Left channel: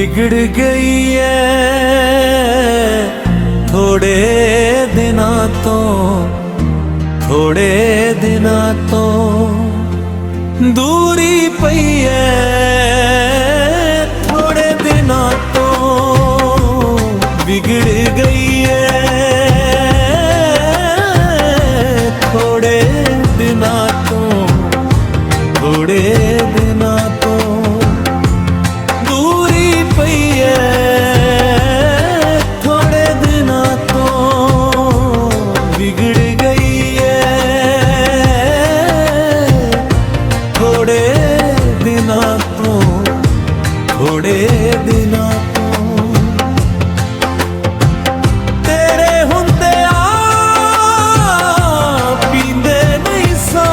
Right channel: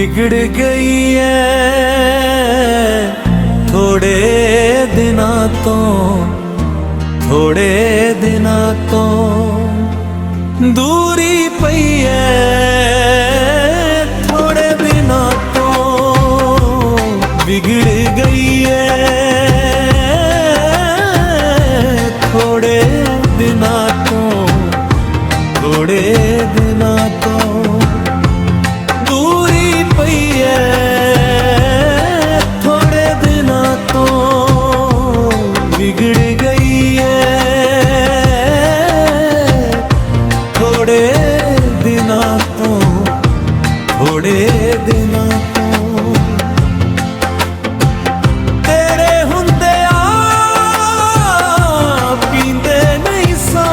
बिगड़ गई है थोड़े दिना तो, थोड़े दिना तो दूरी पई है थोड़े दिना तो बिगड़ गई है थोड़े दिना तो, थोड़े दिना तो दूरी पई है थोड़े दिना तो बिगड़ गई है थोड़े दिना तो, थोड़े दिना तो तेरे हुंदे आ पींदे नहीं सा,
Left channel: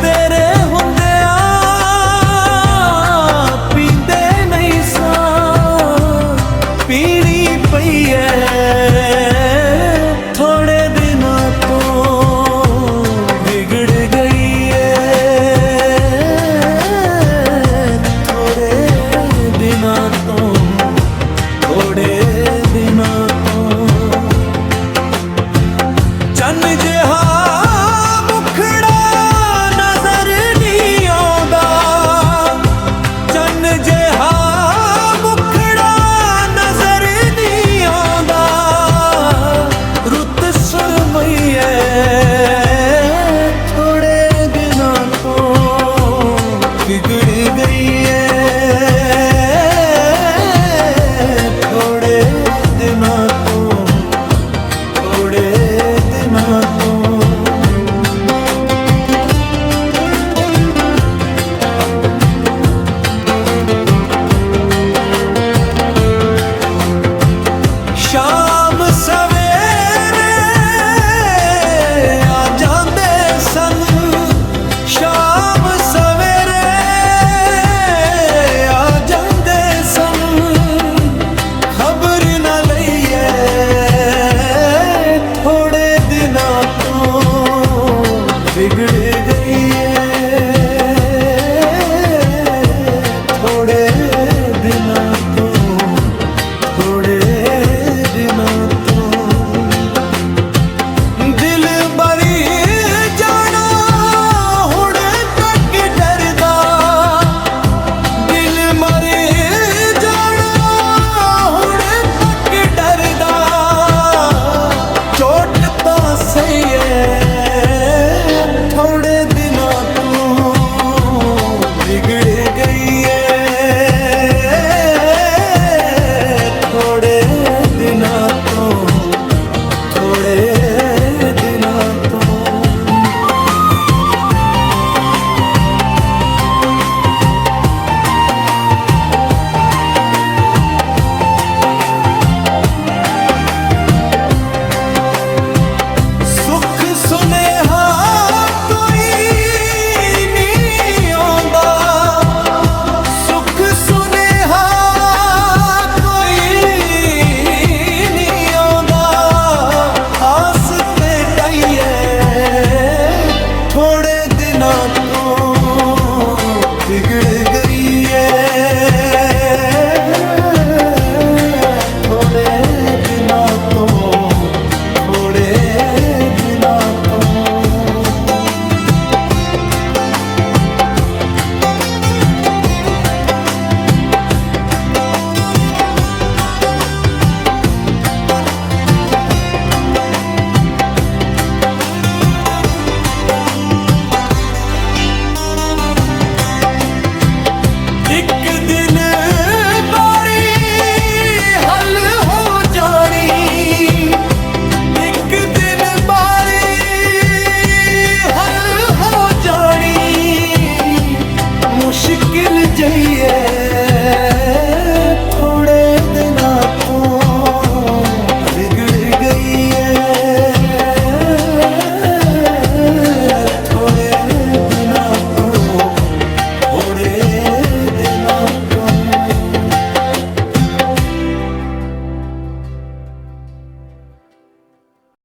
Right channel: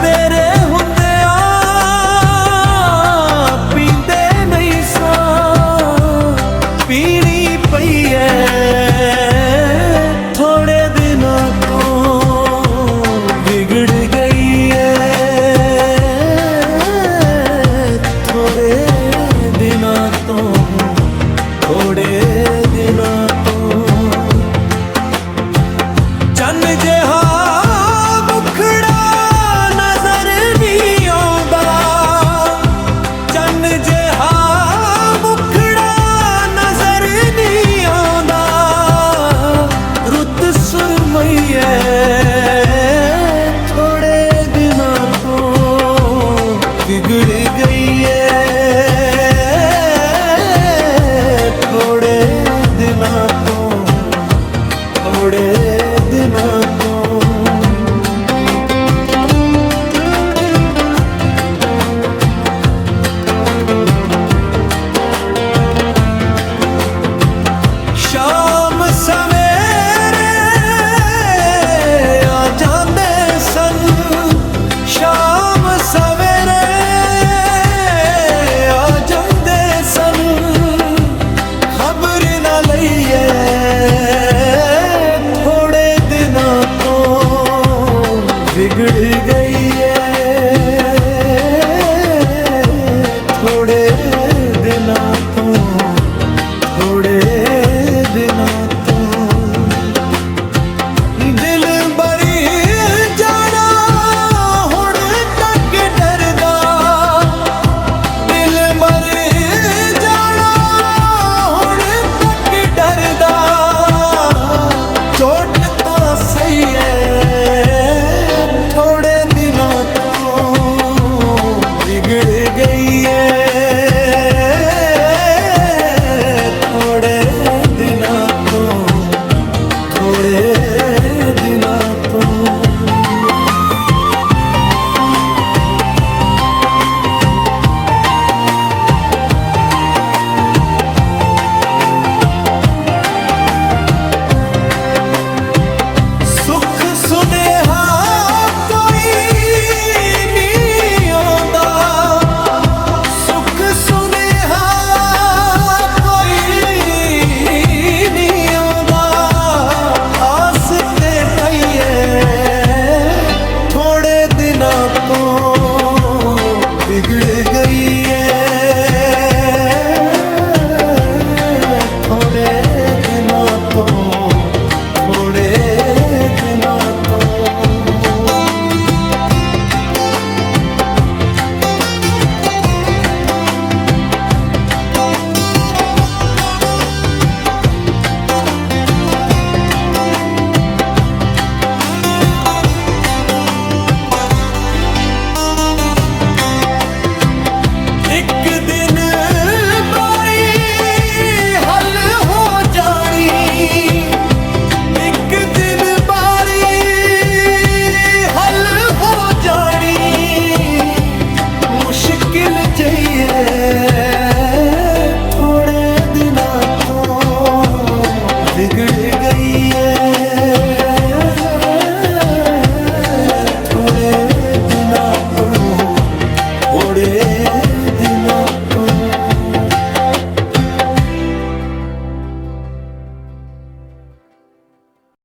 तेरे हुंदे आ पींदे नहीं सा पीनी पई है थोड़े दिना तो बिगड़ गई है थोड़े दिना तो, थोड़े दिना तो चन्न जिहा मुखड़ा नजर नहीं आउंदा, चन्न जिहा मुखड़ा नजर नहीं आउंदा रुत सुरमई है थोड़े दिना तो बिगड़ गई है थोड़े दिना तो, थोड़े दिना तो शाम सवेरे आ जांदे सन, शाम सवेरे आ जांदे सन खबर ना लईए थोड़े दिना तो बिगड़ गई है थोड़े दिना तो